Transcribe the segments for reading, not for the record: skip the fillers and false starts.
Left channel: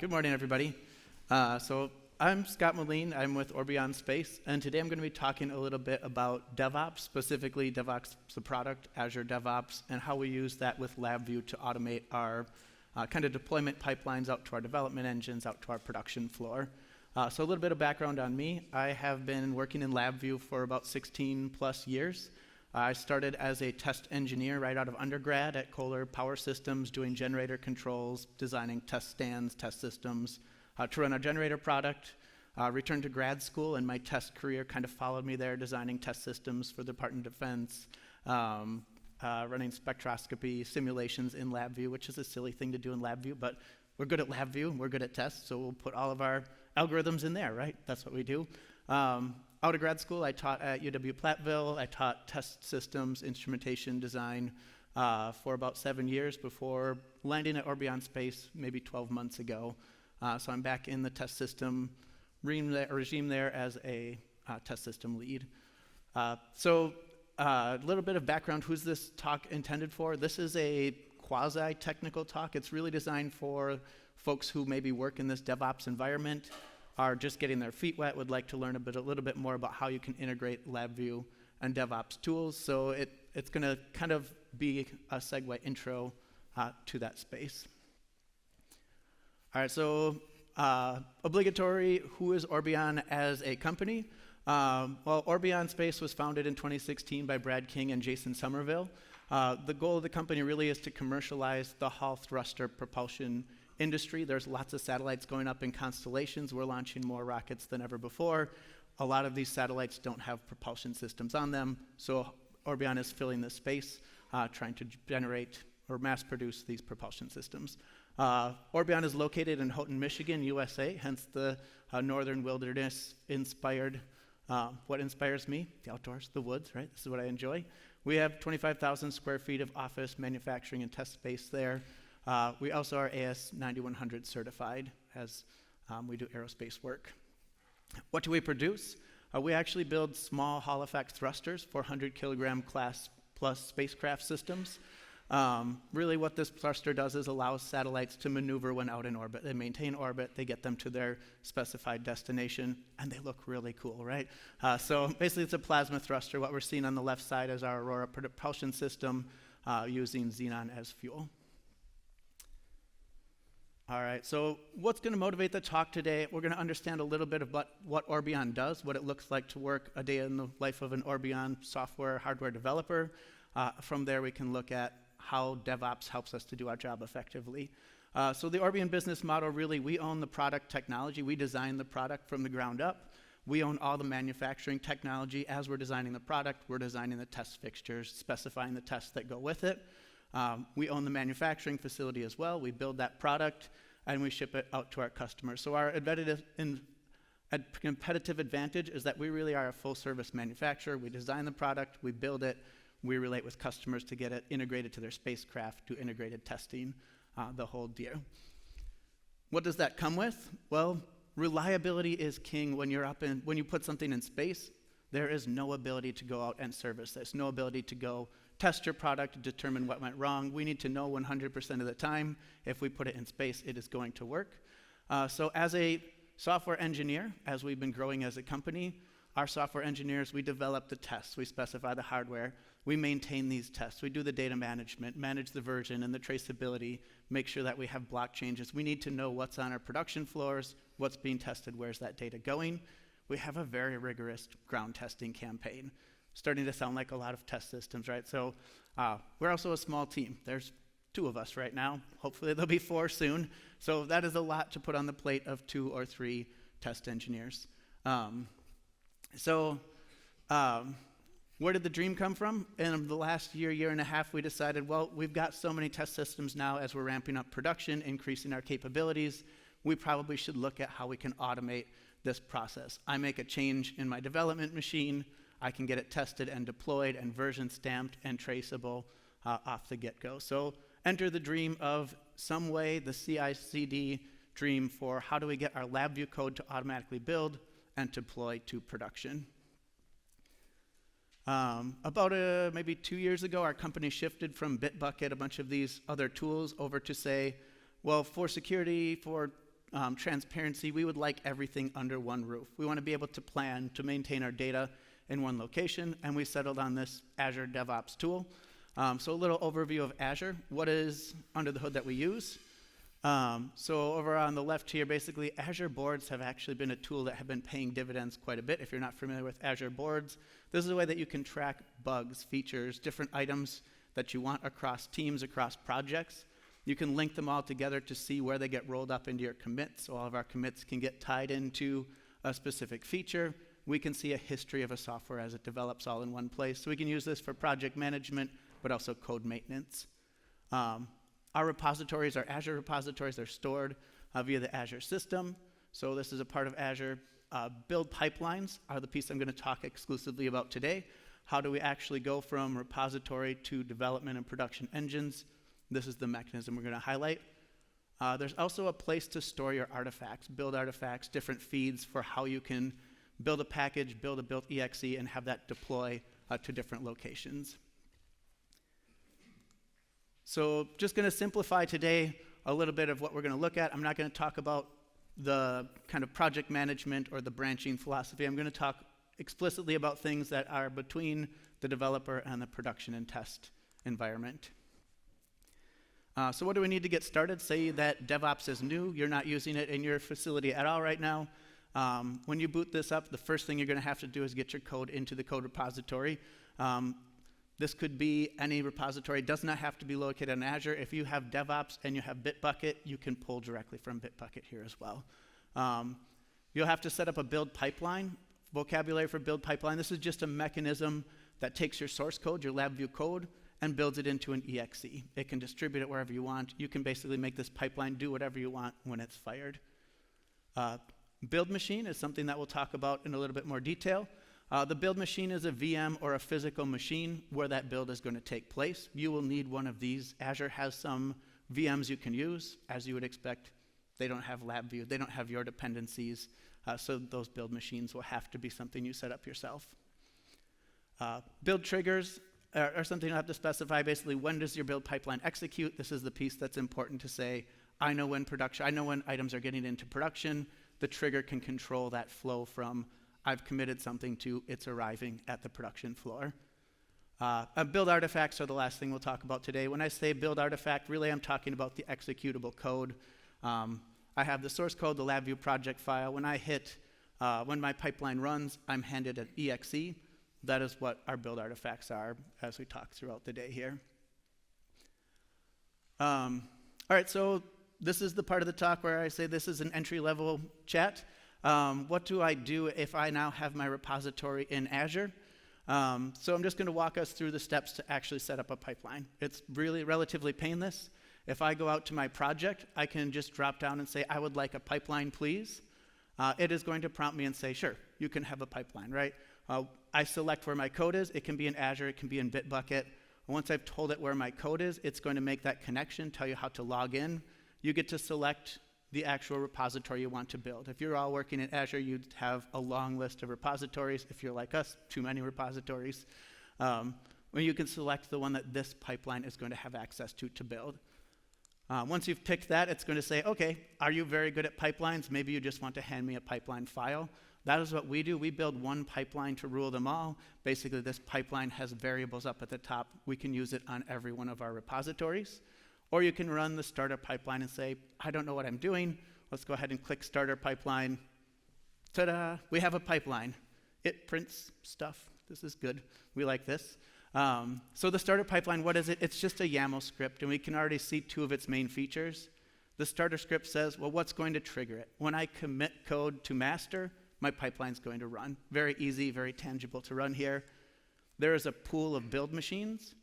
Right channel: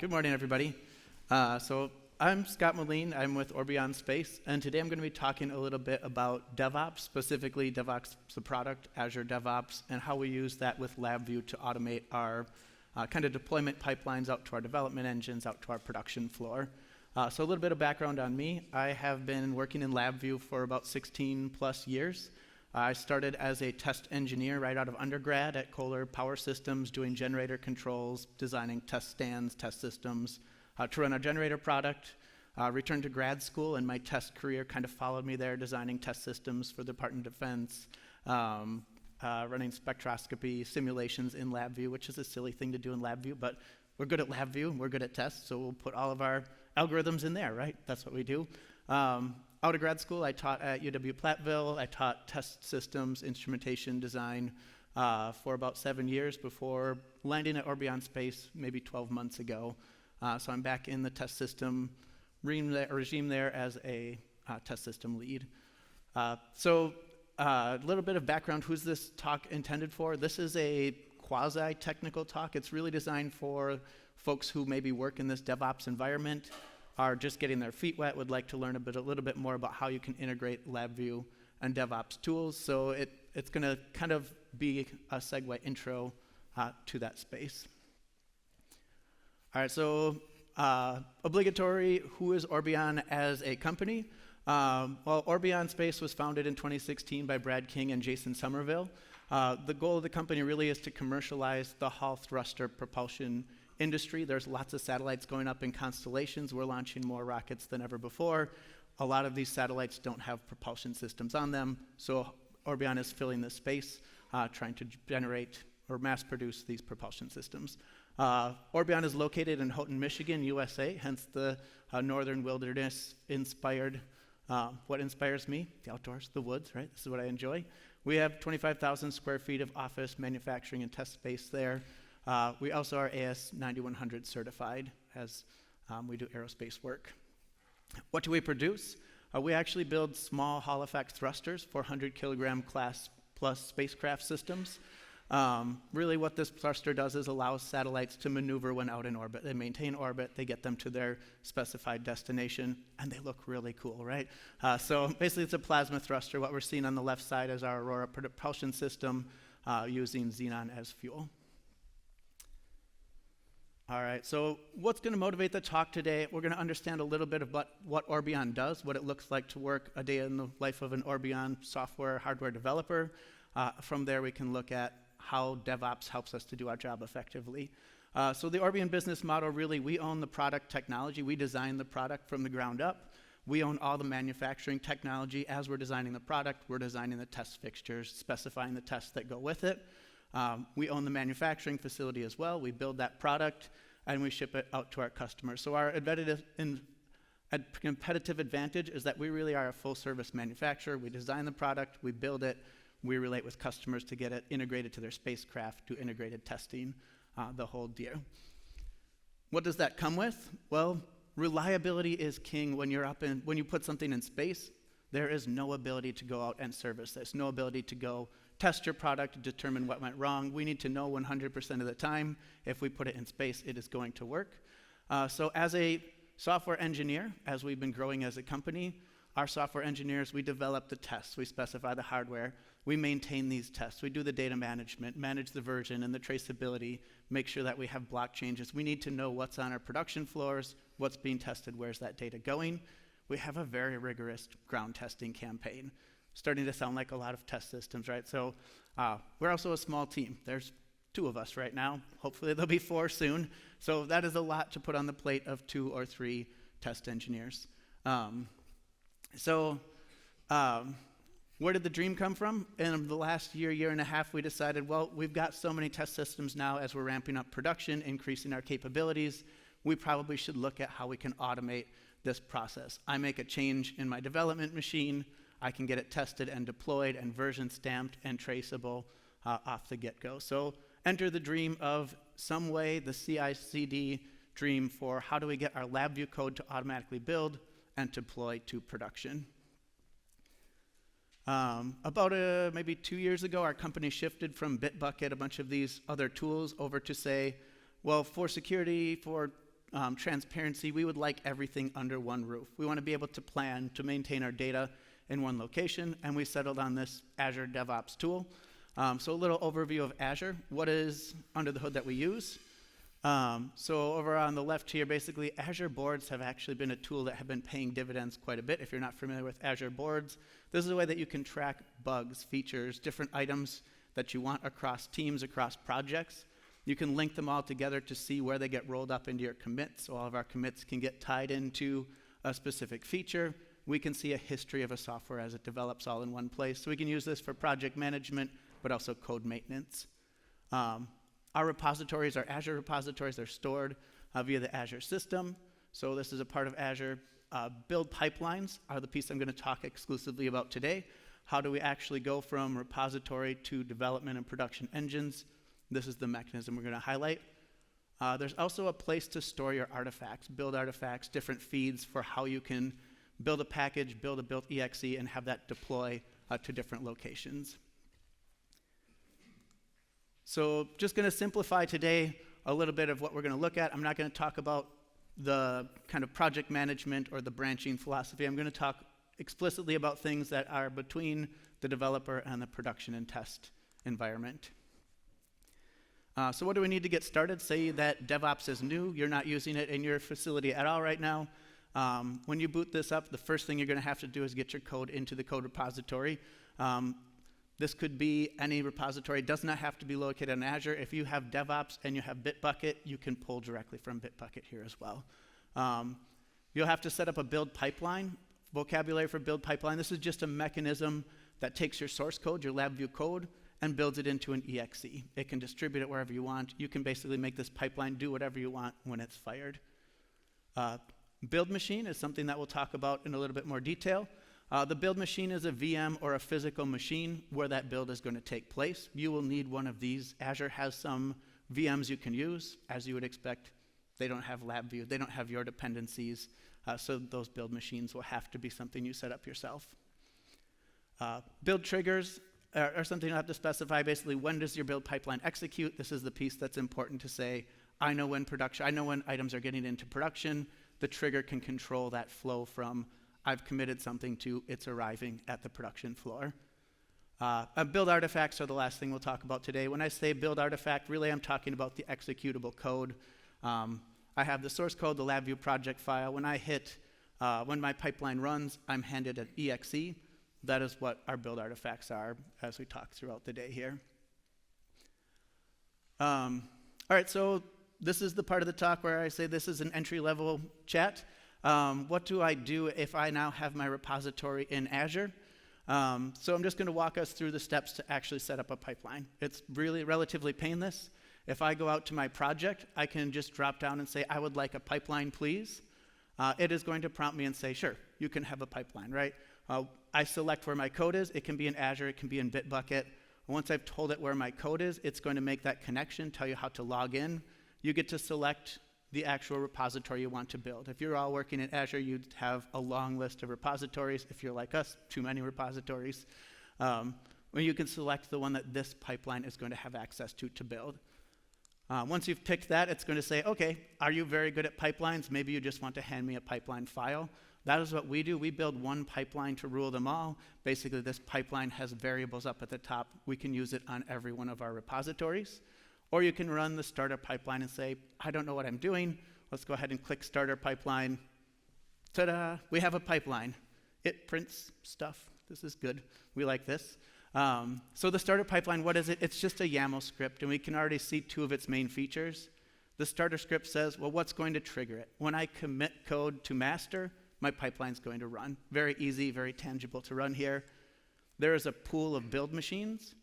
Good morning, everybody. So I'm Scott Melin. I'm with Orbion Space, and today I'm going to be talking a little bit about DevOps, specifically DevOps, the product, Azure DevOps, and how we use that with LabVIEW to automate our kind of deployment pipelines out to our development engines, out to our production floor. So a little bit of background on me. I have been working in LabVIEW for about 16 plus years. I started as a test engineer right out of undergrad at Kohler Power Systems, doing generator controls, designing test stands, test systems to run our generator product. Returned to grad school, and my test career kind of followed me there, designing test systems for the Department of Defense, running spectroscopy simulations in LabVIEW, which is a silly thing to do in LabVIEW, but we're good at LabVIEW, we're good at tests, so we'll put all of our algorithms in there, right? That's what we do. Out of grad school, I taught at UW-Platteville. I taught test systems, instrumentation design for about 7 years before landing at Orbion Space maybe 12 months ago. So I'm back in the test system regime there as a test system lead. So a little bit of background, who's this talk intended for? This is a quasi-technical talk. It's really designed for folks who maybe work in this DevOps environment, are just getting their feet wet, would like to learn a little bit more about how you can integrate LabVIEW and DevOps tools. So it's going to kind of be a segue intro to that space. All right, so obligatory, who is Orbion as a company? Well, Orbion Space was founded in 2016 by Brad King and Jason Somerville. The goal of the company really is to commercialize the Hall thruster propulsion industry. There's lots of satellites going up in constellations. We're launching more rockets than ever before. A lot of these satellites don't have propulsion systems on them, so Orbion is filling this space, trying to generate or mass produce these propulsion systems. Orbion is located in Houghton, Michigan, USA, hence the northern wilderness inspired. What inspires me? The outdoors, the woods, right? This is what I enjoy. We have 25,000 square feet of office, manufacturing, and test space there. We also are AS 9100 certified as we do aerospace work. What do we produce? We actually build small Hall effect thrusters, 400 kilogram class plus spacecraft systems. Really what this thruster does is allows satellites to maneuver when out in orbit. They maintain orbit, they get them to their specified destination, and they look really cool, right? So basically it's a plasma thruster. What we're seeing on the left side is our Aurora propulsion system using xenon as fuel. All right, so what's going to motivate the talk today? We're going to understand a little bit about what Orbion does, what it looks like to work a day in the life of an Orbion software, hardware developer. From there, we can look at how DevOps helps us to do our job effectively. So the Orbion business model, really, we own the product technology. We design the product from the ground up. We own all the manufacturing technology. As we're designing the product, we're designing the test fixtures, specifying the tests that go with it. We own the manufacturing facility as well. We build that product and we ship it out to our customers. So our competitive advantage is that we really are a full service manufacturer. We design the product, we build it, we relate with customers to get it integrated to their spacecraft, to integrated testing, the whole deal. What does that come with? Well, reliability is king. When you put something in space, there is no ability to go out and service this, no ability to go test your product to determine what went wrong. We need to know 100% of the time if we put it in space, it is going to work. So as a software engineer, as we've been growing as a company, our software engineers, we develop the tests, we specify the hardware, we maintain these tests, we do the data management, manage the version and the traceability, make sure that we have block changes. We need to know what's on our production floors, what's being tested, where's that data going. We have a very rigorous ground testing campaign. Starting to sound like a lot of test systems, right? So we're also a small team. There's 2 of us right now. Hopefully there'll be 4 soon. So that is a lot to put on the plate of 2 or 3 test engineers. Where did the dream come from? In the last year and a half, we decided, well, we've got so many test systems now as we're ramping up production, increasing our capabilities. We probably should look at how we can automate this process. I make a change in my development machine. I can get it tested and deployed and version stamped and traceable off the get-go. So enter the dream of some way, the CI/CD dream for how do we get our LabVIEW code to automatically build and deploy to production. About maybe 2 years ago, our company shifted from Bitbucket, a bunch of these other tools, over to say, well, for security, for transparency, we would like everything under one roof. We want to be able to plan to maintain our data in one location, and we settled on this Azure DevOps tool. So a little overview of Azure. What is under the hood that we use? So over on the left here, basically, Azure boards have actually been a tool that have been paying dividends quite a bit. If you're not familiar with Azure boards, this is a way that you can track bugs, features, different items that you want across teams, across projects. You can link them all together to see where they get rolled up into your commits. So all of our commits can get tied into a specific feature. We can see a history of a software as it develops all in one place. So we can use this for project management, but also code maintenance. Our repositories, our Azure repositories, are stored via the Azure system. So this is a part of Azure. Build pipelines are the piece I'm going to talk exclusively about today. How do we actually go from repository to development and production engines? This is the mechanism we're going to highlight. There's also a place to store your artifacts, build artifacts, different feeds for how you can build a package, build a built exe, and have that deploy to different locations. So just going to simplify today a little bit of what we're going to look at. I'm not going to talk about the kind of project management or the branching philosophy. I'm going to talk explicitly about things that are between the developer and the production and test environment. So what do we need to get started? Say that DevOps is new, you're not using it in your facility at all right now. When you boot this up, the first thing you're going to have to do is get your code into the code repository. This could be any repository. It does not have to be located in Azure. If you have DevOps and you have Bitbucket, you can pull directly from Bitbucket here as well. You'll have to set up a build pipeline. Vocabulary for build pipeline. This is just a mechanism that takes your source code, your LabVIEW code, and builds it into an exe. It can distribute it wherever you want. You can basically make this pipeline do whatever you want when it's fired. Build machine is something that we'll talk about in a little bit more detail. The build machine is a VM or a physical machine where that build is going to take place. You will need one of these. Azure has some VMs you can use. As you would expect, they don't have LabVIEW. They don't have your dependencies. So those build machines will have to be something you set up yourself. Build triggers are something you have to specify. Basically, when does your build pipeline execute? This is the piece that's important to say, I know when items are getting into production. The trigger can control that flow from I've committed something to it's arriving at the production floor. Build artifacts are the last thing we'll talk about today. When I say build artifact, really I'm talking about the executable code. I have the source code, the LabVIEW project file. When my pipeline runs, I'm handed an exe. That is what our build artifacts are as we talk throughout the day here. All right, so this is the part of the talk where I say this is an entry-level chat. What do I do if I now have my repository in Azure? So I'm just going to walk us through the steps to actually set up a pipeline. It's really relatively painless. If I go out to my project, I can just drop down and say, I would like a pipeline, please. It is going to prompt me and say, sure, you can have a pipeline, right? I select where my code is. It can be in Azure. It can be in Bitbucket. Once I've told it where my code is, it's going to make that connection, tell you how to log in. You get to select the actual repository you want to build. If you're all working in Azure, you'd have a long list of repositories. If you're like us, too many repositories. Well, you can select the one that this pipeline is going to have access to build. Once you've picked that, it's going to say, okay, are you very good at pipelines? Maybe you just want to hand me a pipeline file. That is what we do. We build one pipeline to rule them all. Basically, this pipeline has variables up at the top. We can use it on every one of our repositories. Or you can run the starter pipeline and say, I don't know what I'm doing. Let's go ahead and click starter pipeline. Ta-da, we have a pipeline. It prints stuff. This is good. We like this. So the starter pipeline, what is it? It's just a YAML script, and we can already see two of its main features. The starter script says, well, what's going to trigger it? When I commit code to master, my pipeline's going to run. Very easy, very tangible to run here. There is a pool of build machines.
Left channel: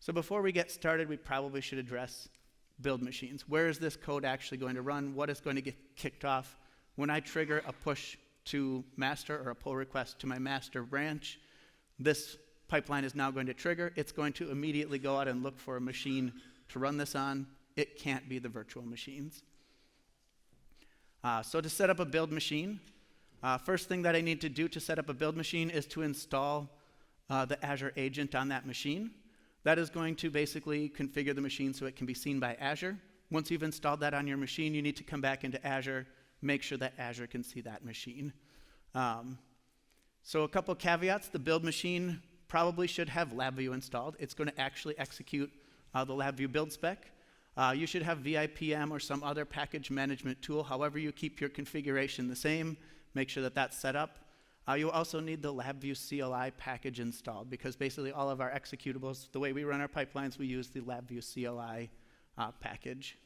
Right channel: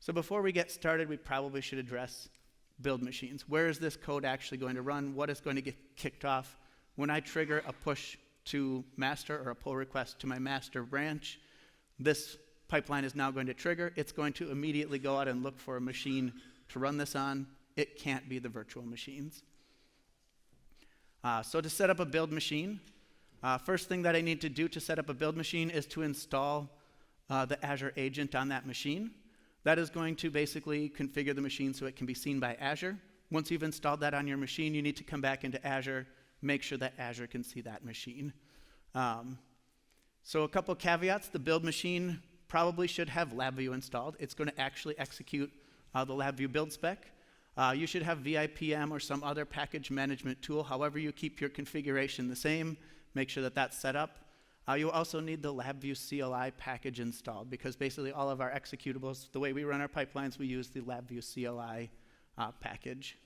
So before we get started, we probably should address build machines. Where is this code actually going to run? What is going to get kicked off? When I trigger a push to master or a pull request to my master branch, this pipeline is now going to trigger. It's going to immediately go out and look for a machine to run this on. It can't be the virtual machines. So to set up a build machine, first thing that I need to do to set up a build machine is to install the Azure agent on that machine. That is going to basically configure the machine so it can be seen by Azure. Once you've installed that on your machine, you need to come back into Azure, make sure that Azure can see that machine. So a couple caveats. The build machine probably should have LabVIEW installed. It's going to actually execute the LabVIEW build spec. You should have VIPM or some other package management tool. However you keep your configuration the same, make sure that that's set up. You'll also need the LabVIEW CLI package installed, because basically all of our executables, the way we run our pipelines, we use the LabVIEW CLI package.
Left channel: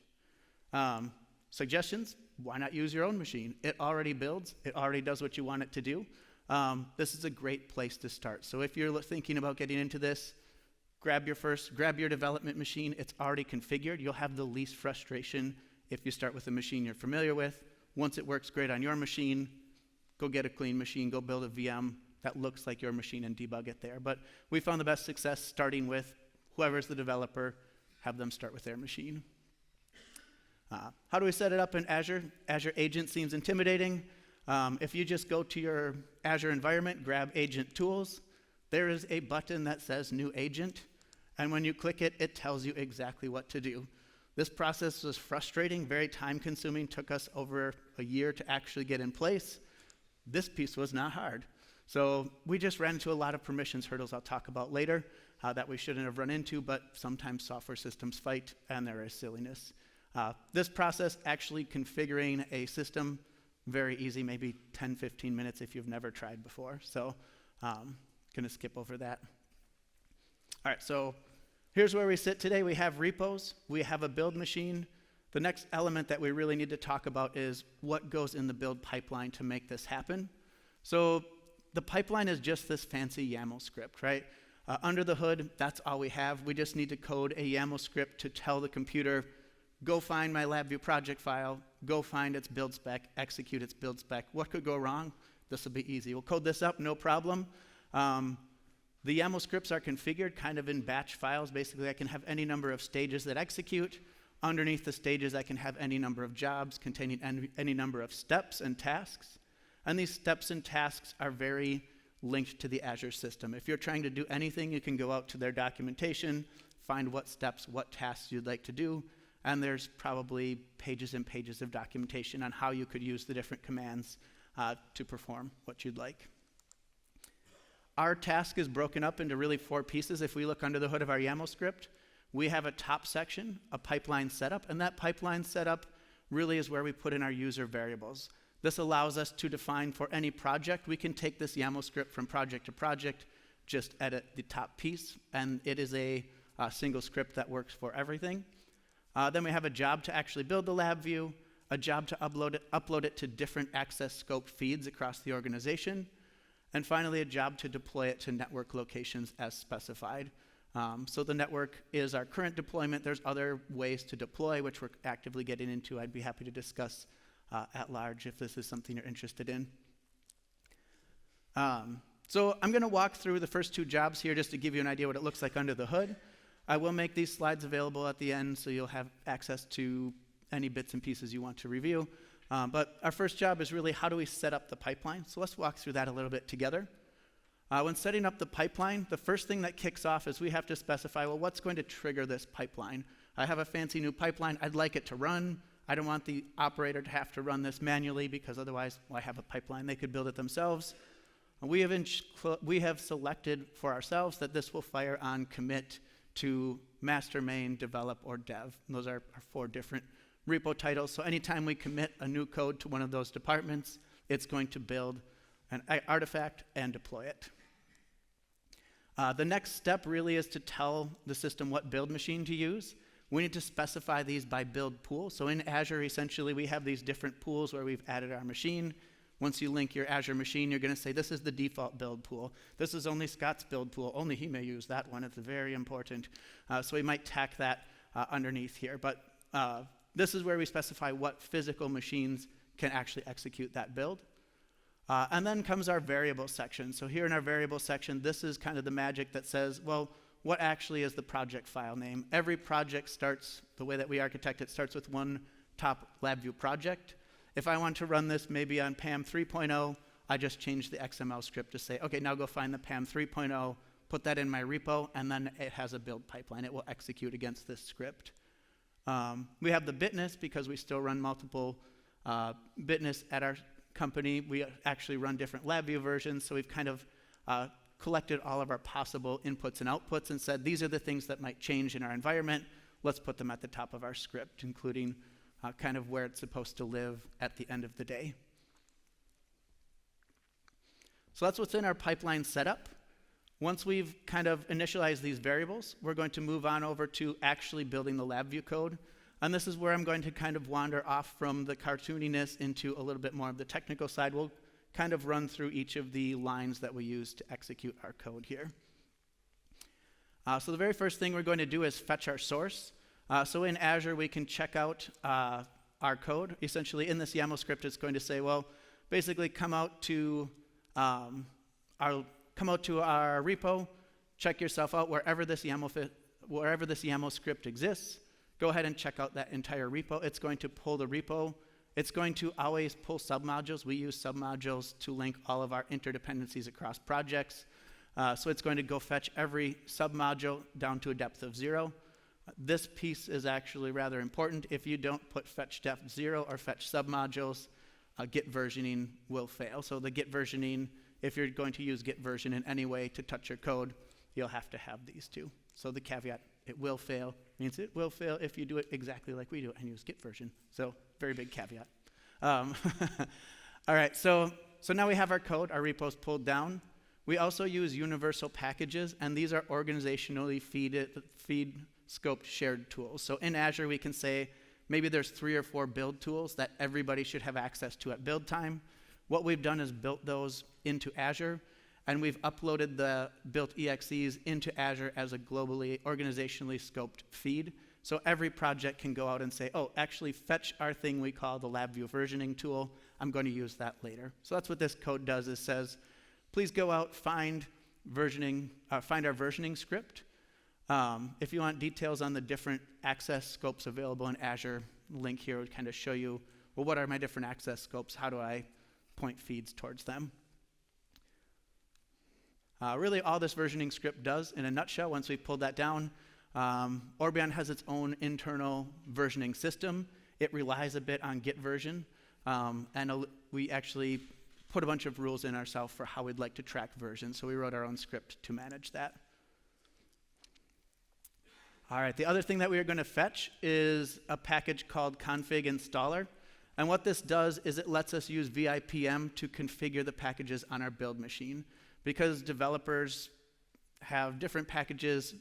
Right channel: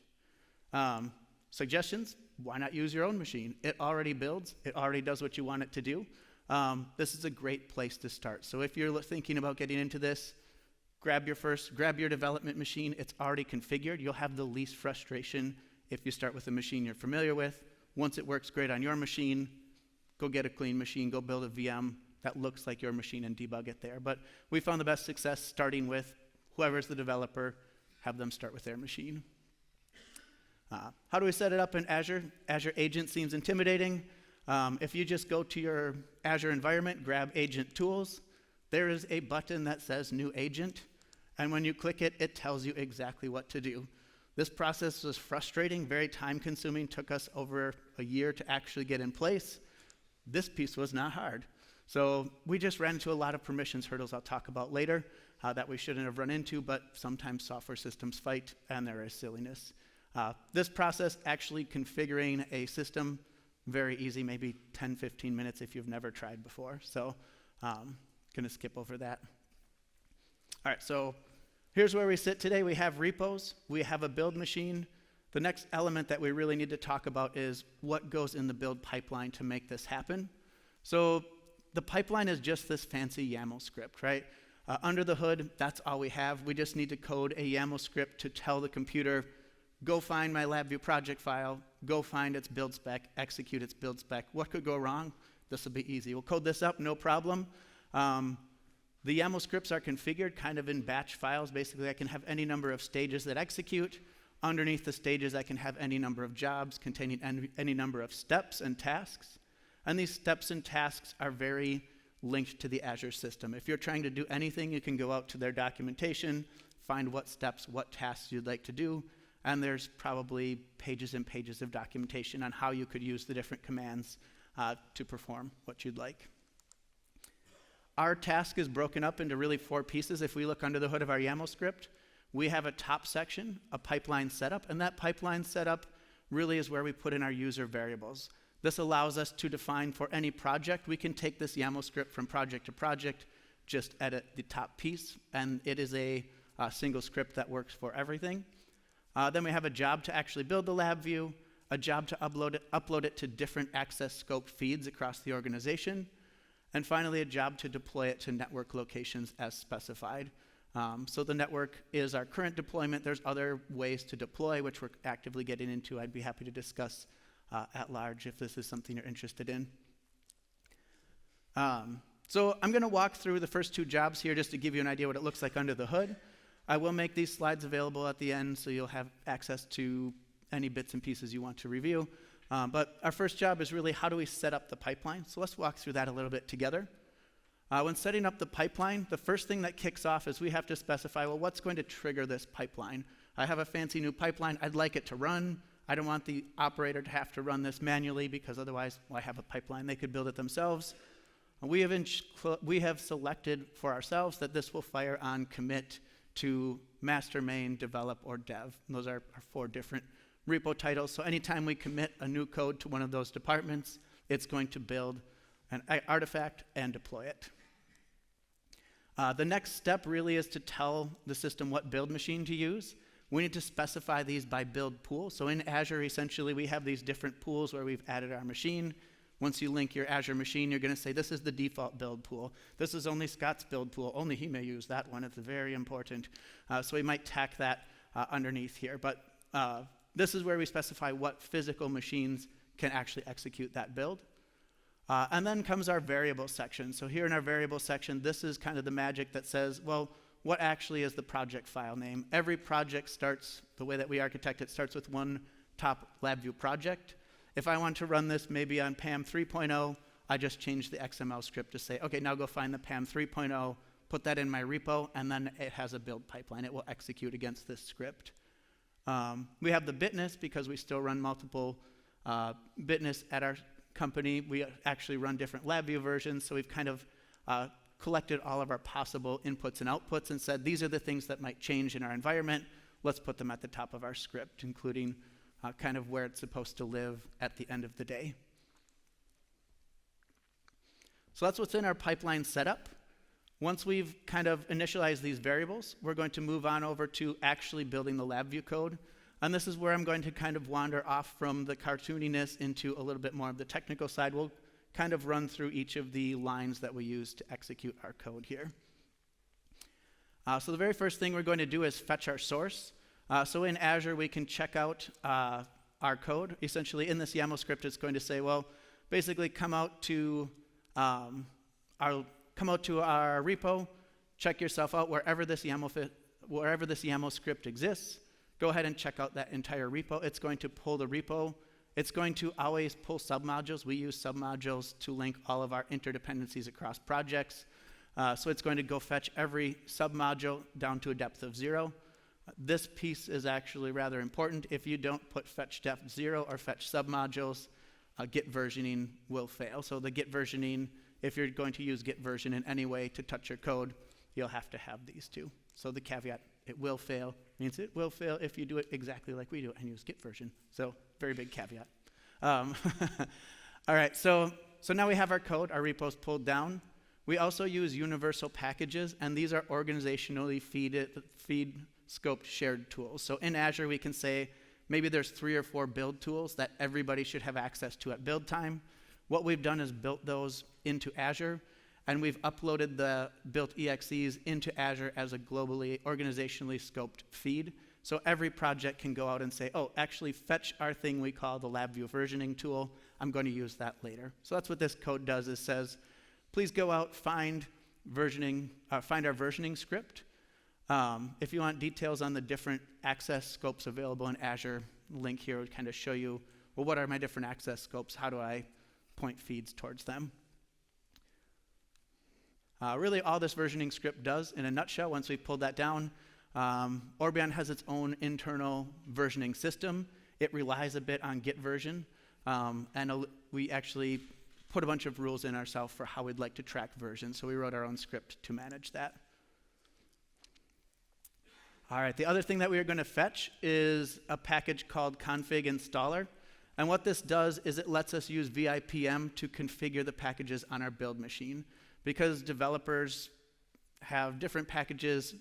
Suggestions? Why not use your own machine? It already builds. It already does what you want it to do. This is a great place to start. So if you're thinking about getting into this, grab your development machine. It's already configured. You'll have the least frustration if you start with a machine you're familiar with. Once it works great on your machine, go get a clean machine, go build a VM that looks like your machine and debug it there. But we found the best success starting with whoever's the developer, have them start with their machine. How do we set it up in Azure? Azure Agent seems intimidating. If you just go to your Azure environment, grab Agent Tools, there is a button that says New Agent, and when you click it, it tells you exactly what to do. This process was frustrating, very time-consuming, took us over a year to actually get in place. This piece was not hard. So we just ran into a lot of permissions hurdles I'll talk about later that we shouldn't have run into, but sometimes software systems fight, and there is silliness. This process, actually configuring a system, very easy, maybe 10, 15 minutes if you've never tried before. So gonna skip over that. All right, so here's where we sit today. We have repos, we have a build machine. The next element that we really need to talk about is what goes in the build pipeline to make this happen. So the pipeline is just this fancy YAML script, right? Under the hood, that's all we have. We just need to code a YAML script to tell the computer, go find my LabVIEW project file, go find its build spec, execute its build spec. What could go wrong? This will be easy. We'll code this up, no problem. The YAML scripts are configured kind of in batch files. Basically, I can have any number of stages that execute. Underneath the stages, I can have any number of jobs containing any number of steps and tasks. And these steps and tasks are very linked to the Azure system. If you're trying to do anything, you can go out to their documentation, find what steps, what tasks you'd like to do, and there's probably pages and pages of documentation on how you could use the different commands to perform what you'd like. Our task is broken up into really 4 pieces. If we look under the hood of our YAML script, we have a top section, a pipeline setup, and that pipeline setup really is where we put in our user variables. This allows us to define for any project. We can take this YAML script from project to project, just edit the top piece, and it is a single script that works for everything. Then we have a job to actually build the LabVIEW, a job to upload it to different access scope feeds across the organization, and finally a job to deploy it to network locations as specified. So the network is our current deployment. There's other ways to deploy, which we're actively getting into. I'd be happy to discuss at large if this is something you're interested in. So I'm gonna walk through the first 2 jobs here just to give you an idea what it looks like under the hood. I will make these slides available at the end so you'll have access to any bits and pieces you want to review. But our first job is really how do we set up the pipeline? So let's walk through that a little bit together. When setting up the pipeline, the first thing that kicks off is we have to specify, well, what's going to trigger this pipeline? I have a fancy new pipeline. I'd like it to run. I don't want the operator to have to run this manually because otherwise, well, I have a pipeline. They could build it themselves. We have selected for ourselves that this will fire on commit to master, main, develop, or dev. And those are our 4 different repo titles. So anytime we commit a new code to one of those departments, it's going to build an artifact and deploy it. The next step really is to tell the system what build machine to use. We need to specify these by build pool. So in Azure, essentially, we have these different pools where we've added our machine. Once you link your Azure machine, you're going to say, this is the default build pool. This is only Scott's build pool. Only he may use that one. It's very important. So we might tack that underneath here. But this is where we specify what physical machines can actually execute that build. And then comes our variable section. So here in our variable section, this is kind of the magic that says, well, what actually is the project file name? Every project starts, the way that we architect it, starts with one top LabVIEW project. If I want to run this maybe on PAM 3.0, I just change the XML script to say, okay, now go find the PAM 3.0, put that in my repo, and then it has a build pipeline. It will execute against this script. We have the bitness because we still run multiple bitness at our company. We actually run different LabVIEW versions, so we've kind of collected all of our possible inputs and outputs and said, these are the things that might change in our environment. Let's put them at the top of our script, including kind of where it's supposed to live at the end of the day. So that's what's in our pipeline setup. Once we've kind of initialized these variables, we're going to move on over to actually building the LabVIEW code. And this is where I'm going to kind of wander off from the cartooniness into a little bit more of the technical side. We'll kind of run through each of the lines that we use to execute our code here. So the very first thing we're going to do is fetch our source. So in Azure, we can check out our code. Essentially, in this YAML script, it's going to say, well, basically come out to our repo, check yourself out wherever this YAML script exists. Go ahead and check out that entire repo. It's going to pull the repo. It's going to always pull submodules. We use submodules to link all of our interdependencies across projects. So it's going to go fetch every submodule down to a depth of 0. This piece is actually rather important. If you don't put fetch depth 0 or fetch submodules, Git versioning will fail. So the Git versioning, if you're going to use Git version in any way to touch your code, you'll have to have these two. So the caveat, it will fail, means it will fail if you do it exactly like we do and use Git version. So very big caveat. All right, so now we have our code, our repo's pulled down. We also use universal packages, and these are organizationally feed scoped shared tools. So in Azure, we can say maybe there's 3 or 4 build tools that everybody should have access to at build time. What we've done is built those into Azure, and we've uploaded the built EXEs into Azure as a globally, organizationally scoped feed. So every project can go out and say, oh, actually fetch our thing we call the LabVIEW versioning tool. I'm going to use that later. So that's what this code does, is says, please go out, find our versioning script. If you want details on the different access scopes available in Azure, the link here would kind of show you, well, what are my different access scopes? How do I point feeds towards them? Really, all this versioning script does, in a nutshell, once we pulled that down, Orbion has its own internal versioning system. It relies a bit on Git version, and we actually put a bunch of rules in ourselves for how we'd like to track version, so we wrote our own script to manage that. All right, the other thing that we are going to fetch is a package called config installer. And what this does is it lets us use VIPM to configure the packages on our build machine. Because developers have different packages,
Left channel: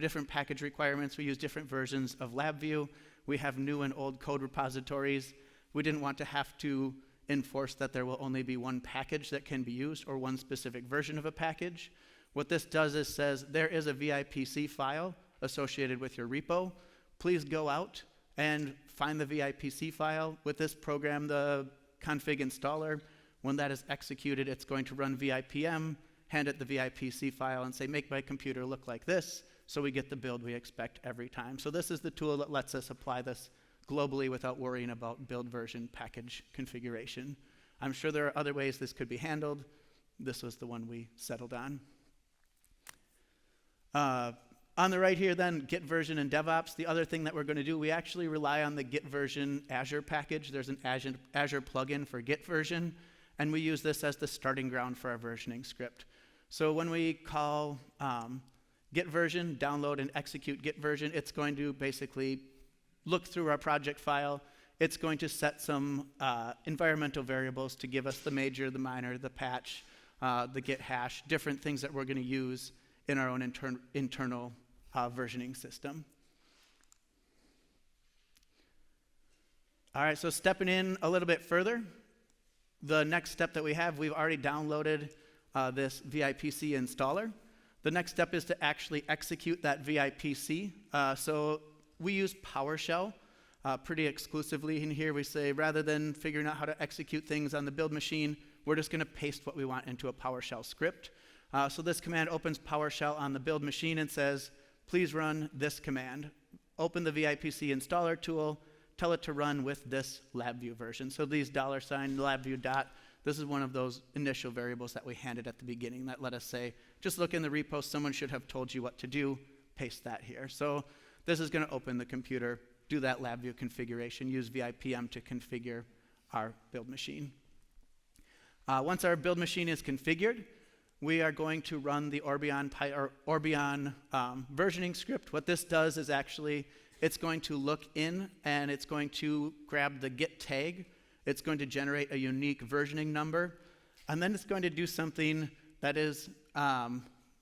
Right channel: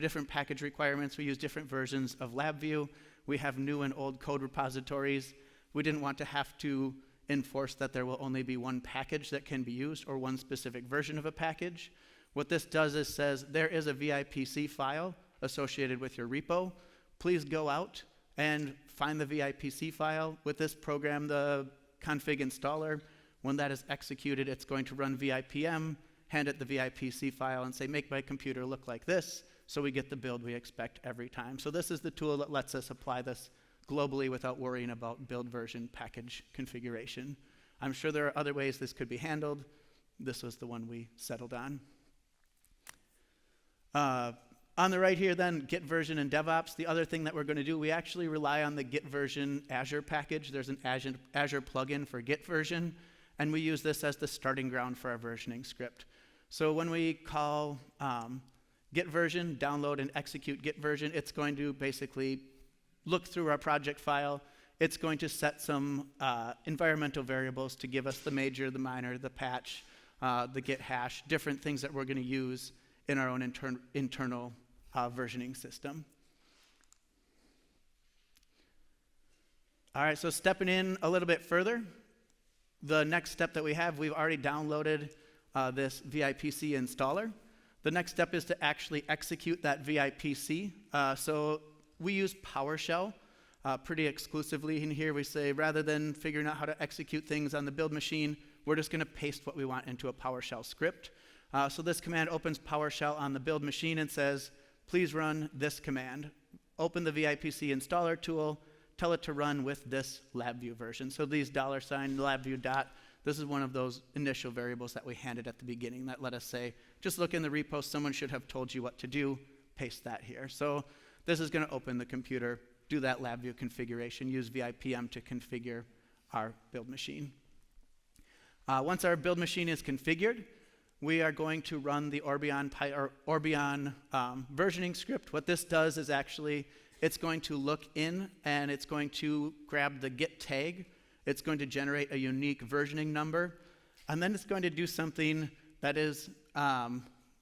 different package requirements, we use different versions of LabVIEW. We have new and old code repositories. We didn't want to have to enforce that there will only be one package that can be used or one specific version of a package. What this does is says there is a VIPC file associated with your repo. Please go out and find the VIPC file. With this program, the config installer, when that is executed, it's going to run VIPM, hand it the VIPC file, and say, make my computer look like this, so we get the build we expect every time. So this is the tool that lets us apply this globally without worrying about build version package configuration. I'm sure there are other ways this could be handled. This was the one we settled on. On the right here then, Git version and DevOps. The other thing that we're going to do, we actually rely on the Git version Azure package. There's an Azure plugin for Git version, and we use this as the starting ground for our versioning script. So when we call Git version, download and execute Git version, it's going to basically look through our project file. It's going to set some environmental variables to give us the major, the minor, the patch, the Git hash, different things that we're going to use in our own internal versioning system. All right, so stepping in a little bit further, the next step that we have, we've already downloaded this VIPC installer. The next step is to actually execute that VIPC. So we use PowerShell pretty exclusively in here. We say rather than figuring out how to execute things on the build machine, we're just going to paste what we want into a PowerShell script. So this command opens PowerShell on the build machine and says, please run this command. Open the VIPC installer tool, tell it to run with this LabVIEW version. So these $LabVIEW dot, this is one of those initial variables that we handed at the beginning that let us say, just look in the repo, someone should have told you what to do, paste that here. So this is going to open the computer do that LabVIEW configuration, use VIPM to configure our build machine. Once our build machine is configured, we are going to run the Orbion versioning script. What this does is actually, it's going to look in and it's going to grab the get tag. It's going to generate a unique versioning number. And then it's going to do something that is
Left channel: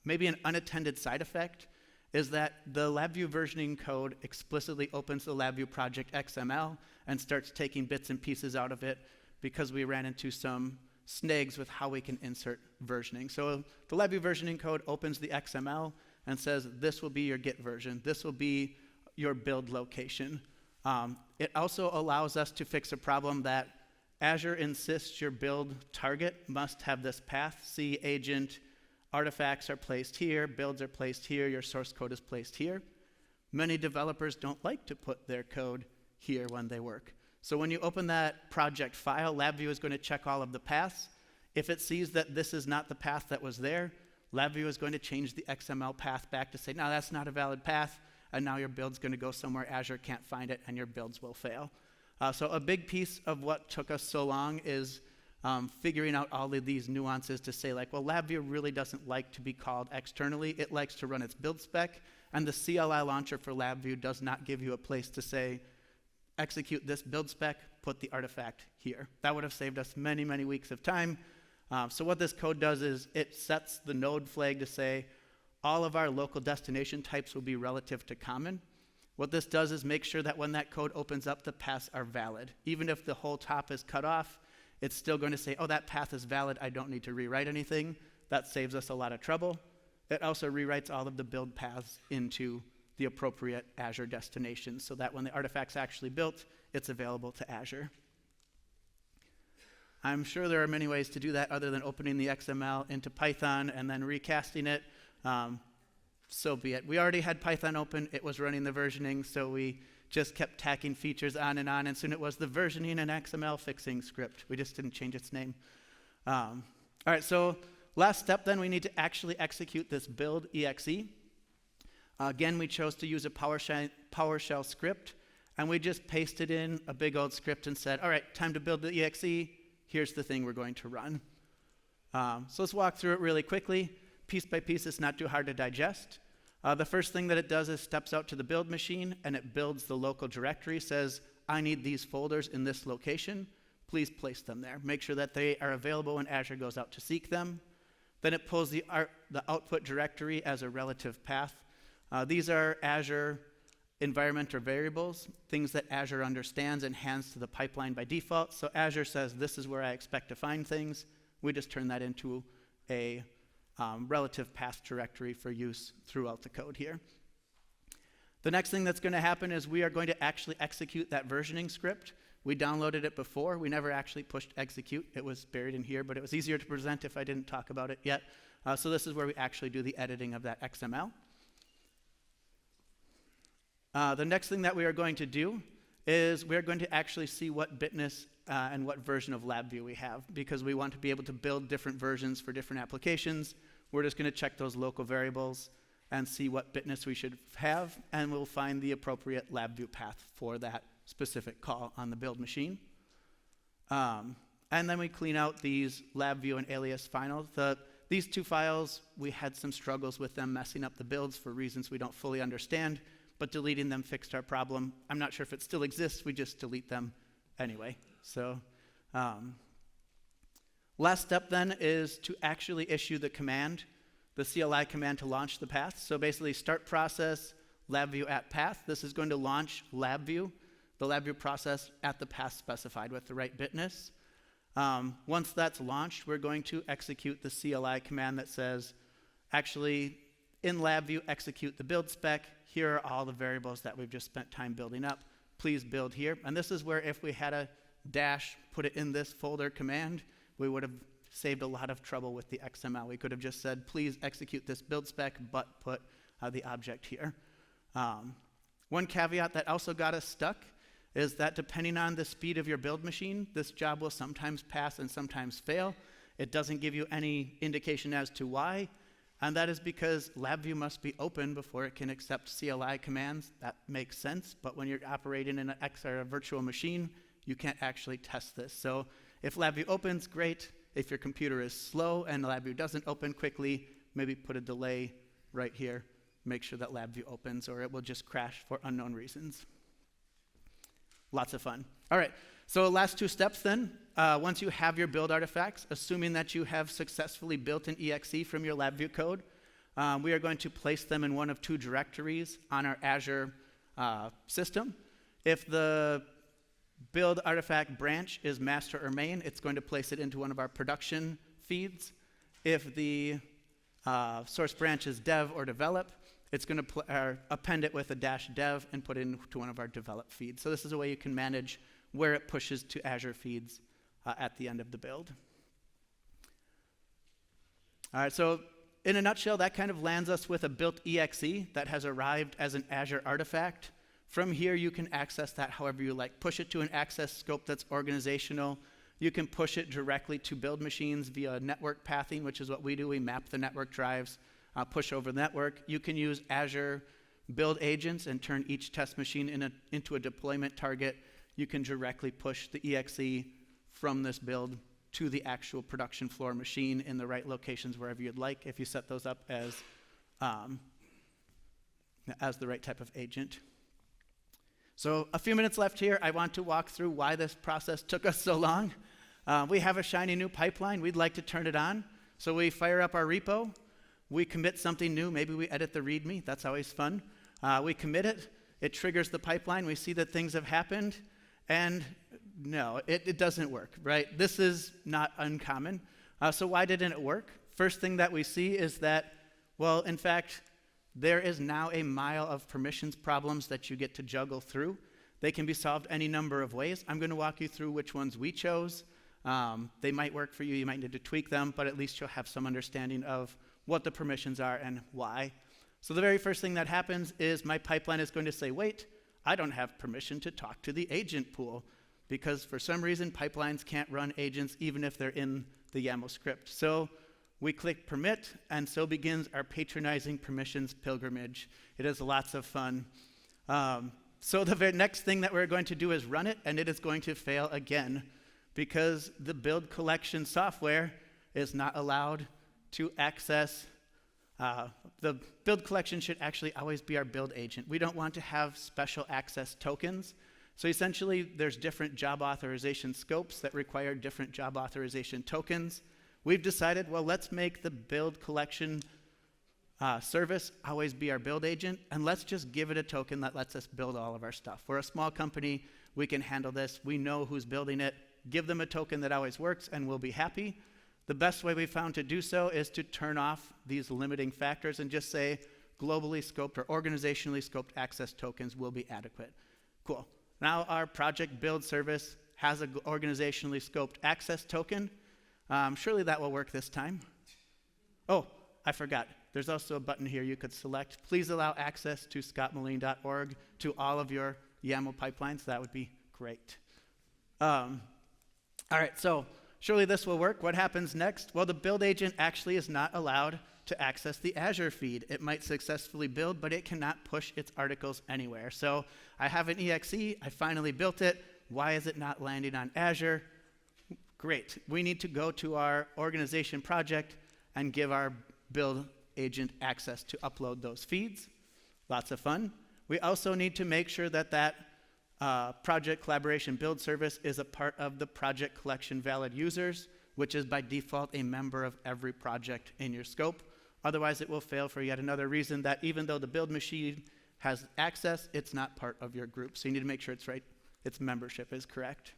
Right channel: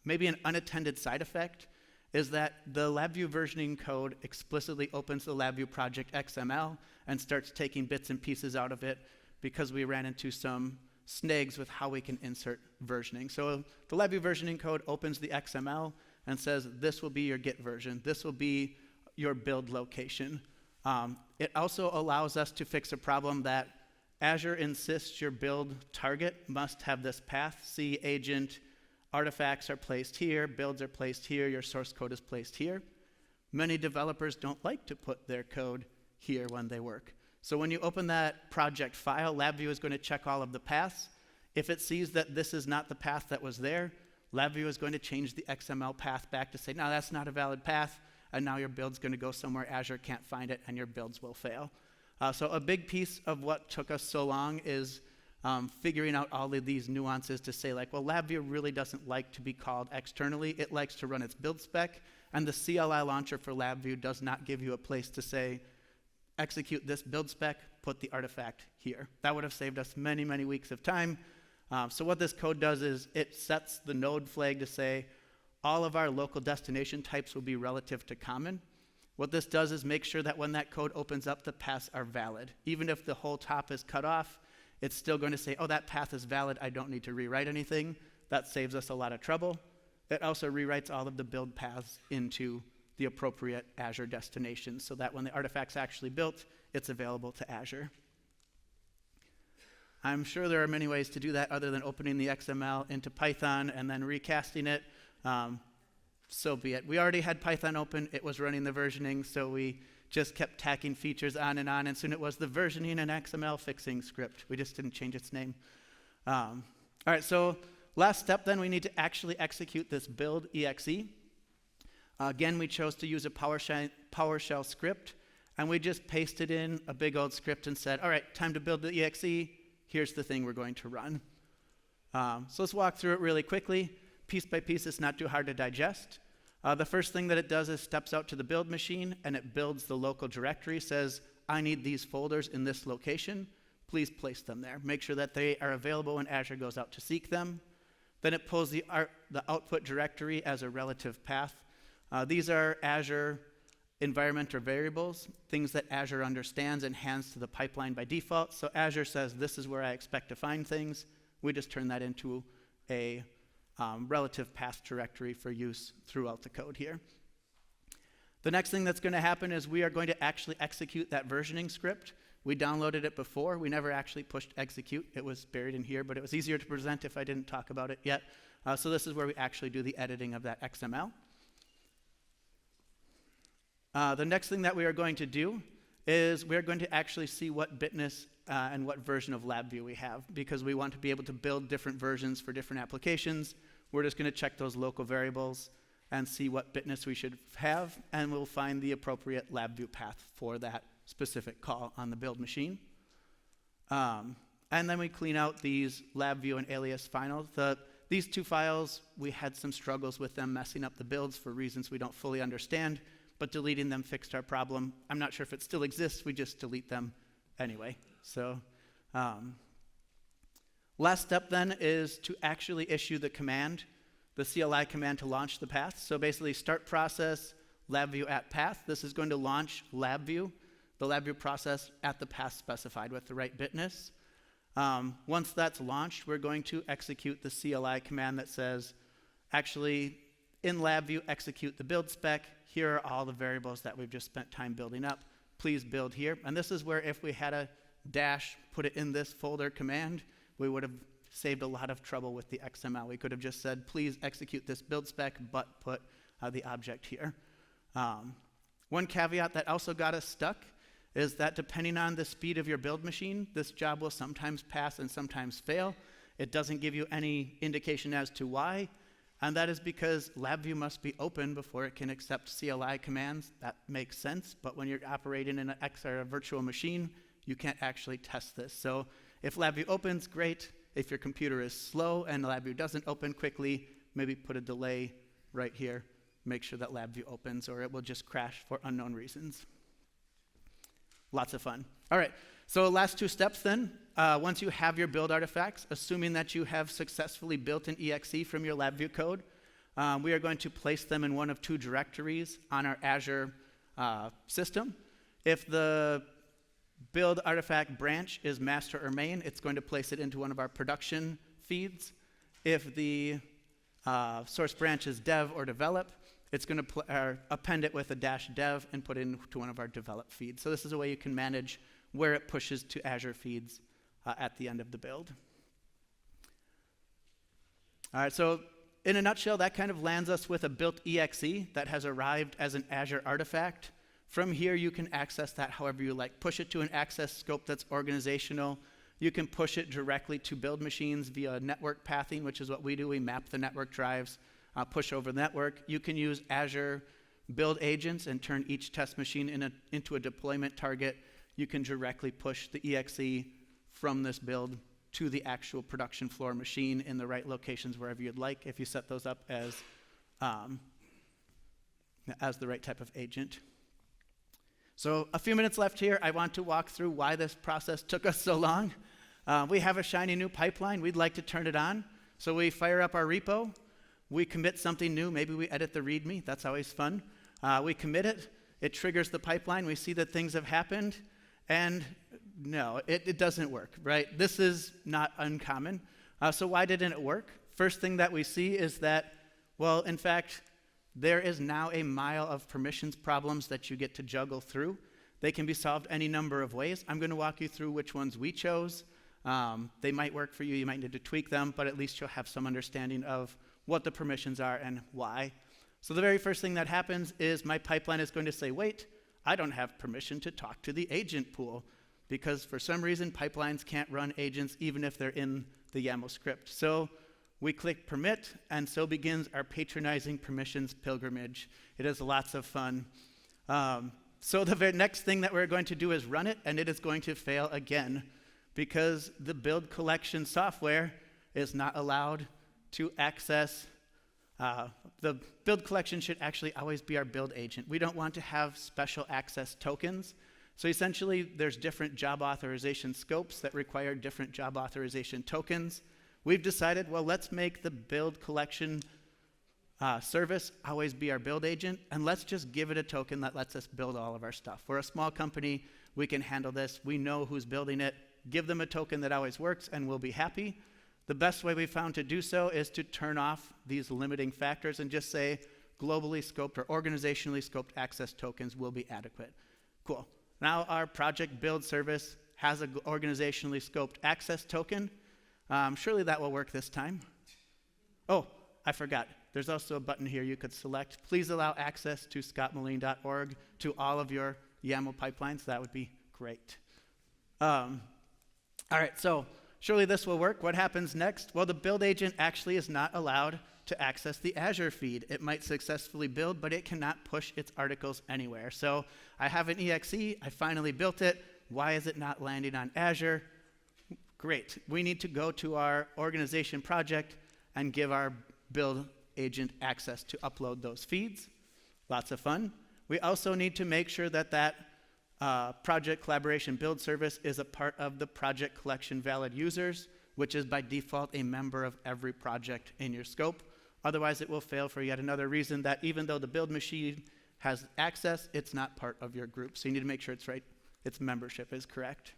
maybe an unattended side effect, is that the LabVIEW versioning code explicitly opens the LabVIEW project XML and starts taking bits and pieces out of it because we ran into some snags with how we can insert versioning. So the LabVIEW versioning code opens the XML and says, this will be your get version. This will be your build location. It also allows us to fix a problem that Azure insists your build target must have this path. C agent, artifacts are placed here, builds are placed here, your source code is placed here. Many developers don't like to put their code here when they work. So when you open that project file, LabVIEW is going to check all of the paths. If it sees that this is not the path that was there, LabVIEW is going to change the XML path back to say, no, that's not a valid path, and now your build's going to go somewhere Azure can't find it, and your builds will fail. So a big piece of what took us so long is figuring out all of these nuances to say, like, well, LabVIEW really doesn't like to be called externally. It likes to run its build spec, and the CLI launcher for LabVIEW does not give you a place to say, execute this build spec, put the artifact here. That would have saved us many, many weeks of time. So what this code does is it sets the node flag to say all of our local destination types will be relative to common. What this does is make sure that when that code opens up, the paths are valid. Even if the whole top is cut off, it's still going to say, oh, that path is valid. I don't need to rewrite anything. That saves us a lot of trouble. It also rewrites all of the build paths into the appropriate Azure destinations so that when the artifact's actually built, it's available to Azure. I'm sure there are many ways to do that other than opening the XML into Python and then recasting it. So be it. We already had Python open. It was running the versioning, so we just kept tacking features on, and soon it was the versioning and XML fixing script. We just didn't change its name. All right, so last step then, we need to actually execute this build exe. Again, we chose to use a PowerShell script, and we just pasted in a big old script and said, all right, time to build the exe. Here's the thing we're going to run. So let's walk through it really quickly. Piece by piece, it's not too hard to digest. The first thing that it does is steps out to the build machine, and it builds the local directory, says, I need these folders in this location. Please place them there. Make sure that they are available when Azure goes out to seek them. Then it pulls the output directory as a relative path. These are Azure environment or variables, things that Azure understands and hands to the pipeline by default. So Azure says, this is where I expect to find things. We just turn that into a relative path directory for use throughout the code here. The next thing that's going to happen is we are going to actually execute that versioning script. We downloaded it before. We never actually pushed execute. It was buried in here, but it was easier to present if I didn't talk about it yet. So this is where we actually do the editing of that XML. The next thing that we are going to do is we are going to actually see what bitness and what version of LabVIEW we have, because we want to be able to build different versions for different applications. We're just going to check those local variables and see what bitness we should have, and we'll find the appropriate LabVIEW path for that specific call on the build machine. And then we clean out these LabVIEW and alias files. These two files, we had some struggles with them messing up the builds for reasons we don't fully understand, but deleting them fixed our problem. I'm not sure if it still exists. We just delete them anyway. So last step then is to actually issue the command, the CLI command to launch the path. So basically start process, LabVIEW at path. This is going to launch LabVIEW, the LabVIEW process at the path specified with the right bitness. Once that's launched, we're going to execute the CLI command that says, actually, in LabVIEW, execute the build spec. Here are all the variables that we've just spent time building up. Please build here. And this is where if we had a dash, put it in this folder command, we would have saved a lot of trouble with the XML. We could have just said, please execute this build spec, but put the object here. One caveat that also got us stuck is that depending on the speed of your build machine, this job will sometimes pass and sometimes fail. It doesn't give you any indication as to why. And that is because LabVIEW must be open before it can accept CLI commands. That makes sense, but when you're operating in an XR virtual machine, you can't actually test this. So if LabVIEW opens, great. If your computer is slow and LabVIEW doesn't open quickly, maybe put a delay right here. Make sure that LabVIEW opens, or it will just crash for unknown reasons. Lots of fun. All right, so last two steps then. Once you have your build artifacts, assuming that you have successfully built an exe from your LabVIEW code, we are going to place them in one of two directories on our Azure system. If the build artifact branch is master or main, it's going to place it into one of our production feeds. If the source branch is dev or develop, it's going to append it with a -dev and put it into one of our develop feeds. So this is a way you can manage where it pushes to Azure feeds at the end of the build. All right, so in a nutshell, that kind of lands us with a built exe that has arrived as an Azure artifact. From here, you can access that however you like. Push it to an access scope that's organizational. You can push it directly to build machines via network pathing, which is what we do. We map the network drives, push over the network. You can use Azure build agents and turn each test machine into a deployment target. You can directly push the exe from this build to the actual production floor machine in the right locations wherever you'd like if you set those up as the right type of agent. So a few minutes left here. I want to walk through why this process took us so long. We have a shiny new pipeline. We'd like to turn it on. So we fire up our repo. We commit something new. Maybe we edit the README. That's always fun. We commit it. It triggers the pipeline. We see that things have happened. And no, it doesn't work, right? This is not uncommon. So why didn't it work? First thing that we see is that, well, in fact, there is now a mile of permissions problems that you get to juggle through. They can be solved any number of ways. I'm going to walk you through which ones we chose. They might work for you. You might need to tweak them, but at least you'll have some understanding of what the permissions are and why. So the very first thing that happens is my pipeline is going to say, wait, I don't have permission to talk to the agent pool, because for some reason pipelines can't run agents even if they're in the YAML script. So we click permit, and so begins our patronizing permissions pilgrimage. It is lots of fun. So the very next thing that we're going to do is run it, and it is going to fail again because the build collection software is not allowed to access. The build collection should actually always be our build agent. We don't want to have special access tokens. So essentially, there's different job authorization scopes that require different job authorization tokens. We've decided, well, let's make the build collection service always be our build agent, and let's just give it a token that lets us build all of our stuff. We're a small company. We can handle this. We know who's building it. Give them a token that always works, and we'll be happy. The best way we found to do so is to turn off these limiting factors and just say globally scoped or organizationally scoped access tokens will be adequate. Cool. Now our project build service has an organizationally scoped access token. Surely that will work this time. Oh, I forgot. There's also a button here you could select. Please allow access to scottmelin.org to all of your YAML pipelines. That would be great. All right, so surely this will work. What happens next? Well, the build agent actually is not allowed to access the Azure feed. It might successfully build, but it cannot push its articles anywhere. So I have an exe. I finally built it. Why is it not landing on Azure? Great. We need to go to our organization project and give our build agent access to upload those feeds. Lots of fun. We also need to make sure that that project collaboration build service is a part of the project collection valid users, which is by default a member of every project in your scope. Otherwise, it will fail for yet another reason that even though the build machine has access, it's not part of your group. So you need to make sure it's right, its membership is correct.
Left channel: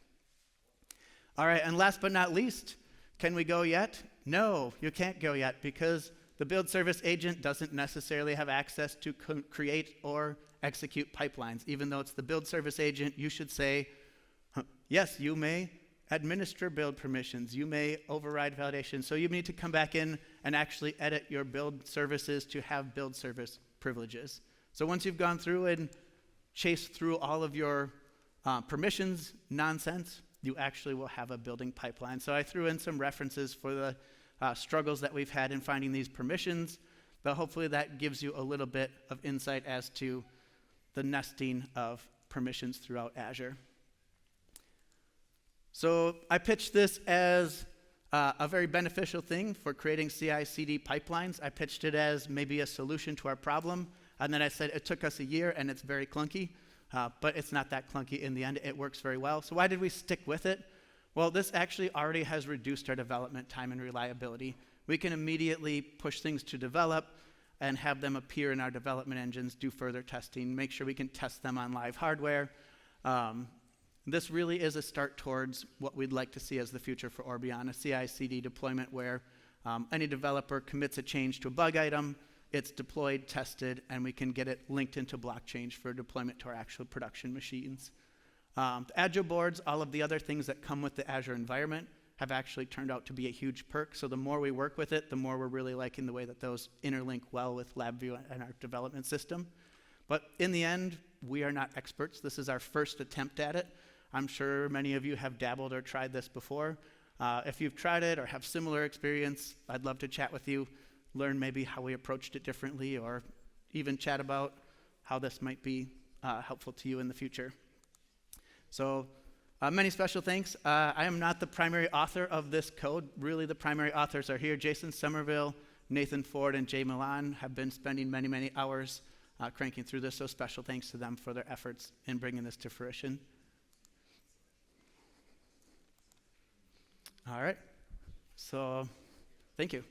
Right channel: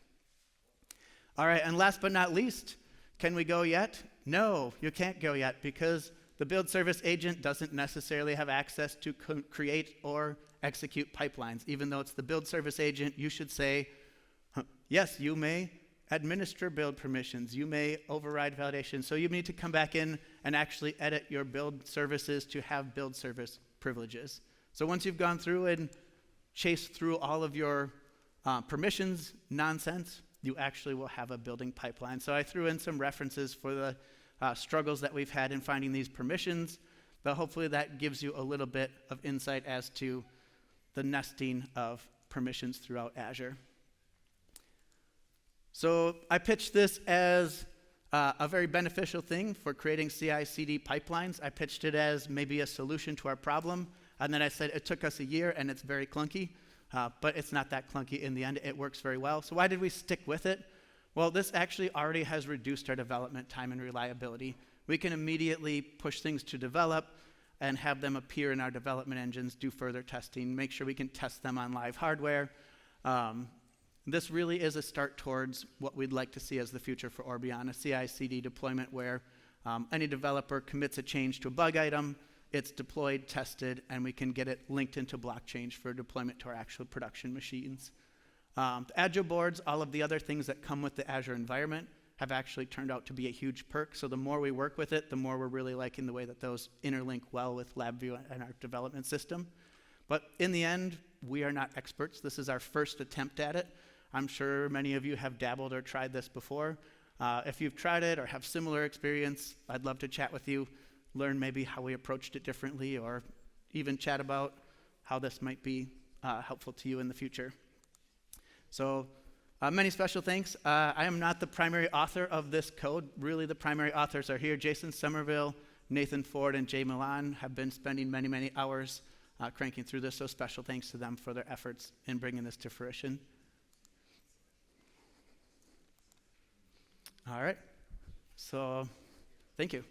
All right, and last but not least, can we go yet? No, you can't go yet because the build service agent doesn't necessarily have access to create or execute pipelines. Even though it's the build service agent, you should say, yes, you may administer build permissions. You may override validation. So you need to come back in and actually edit your build services to have build service privileges. So once you've gone through and chased through all of your permissions nonsense, you actually will have a building pipeline. So I threw in some references for the struggles that we've had in finding these permissions. But hopefully that gives you a little bit of insight as to the nesting of permissions throughout Azure. So I pitched this as a very beneficial thing for creating CI/CD pipelines. I pitched it as maybe a solution to our problem. And then I said it took us a year and it's very clunky, but it's not that clunky in the end. It works very well. So why did we stick with it? Well, this actually already has reduced our development time and reliability. We can immediately push things to develop and have them appear in our development engines, do further testing, make sure we can test them on live hardware. This really is a start towards what we'd like to see as the future for Orbion, a CI/CD deployment where any developer commits a change to a bug item, it's deployed, tested, and we can get it linked into blockchain for deployment to our actual production machines. The Agile boards, all of the other things that come with the Azure environment have actually turned out to be a huge perk. So the more we work with it, the more we're really liking the way that those interlink well with LabVIEW and our development system. But in the end, we are not experts. This is our first attempt at it. I'm sure many of you have dabbled or tried this before. If you've tried it or have similar experience, I'd love to chat with you, learn maybe how we approached it differently, or even chat about how this might be helpful to you in the future. So many special thanks. I am not the primary author of this code. Really, the primary authors are here. Jason Somerville, Nathan Ford, and Jay Melin have been spending many, many hours cranking through this, so special thanks to them for their efforts in bringing this to fruition. All right, so thank you.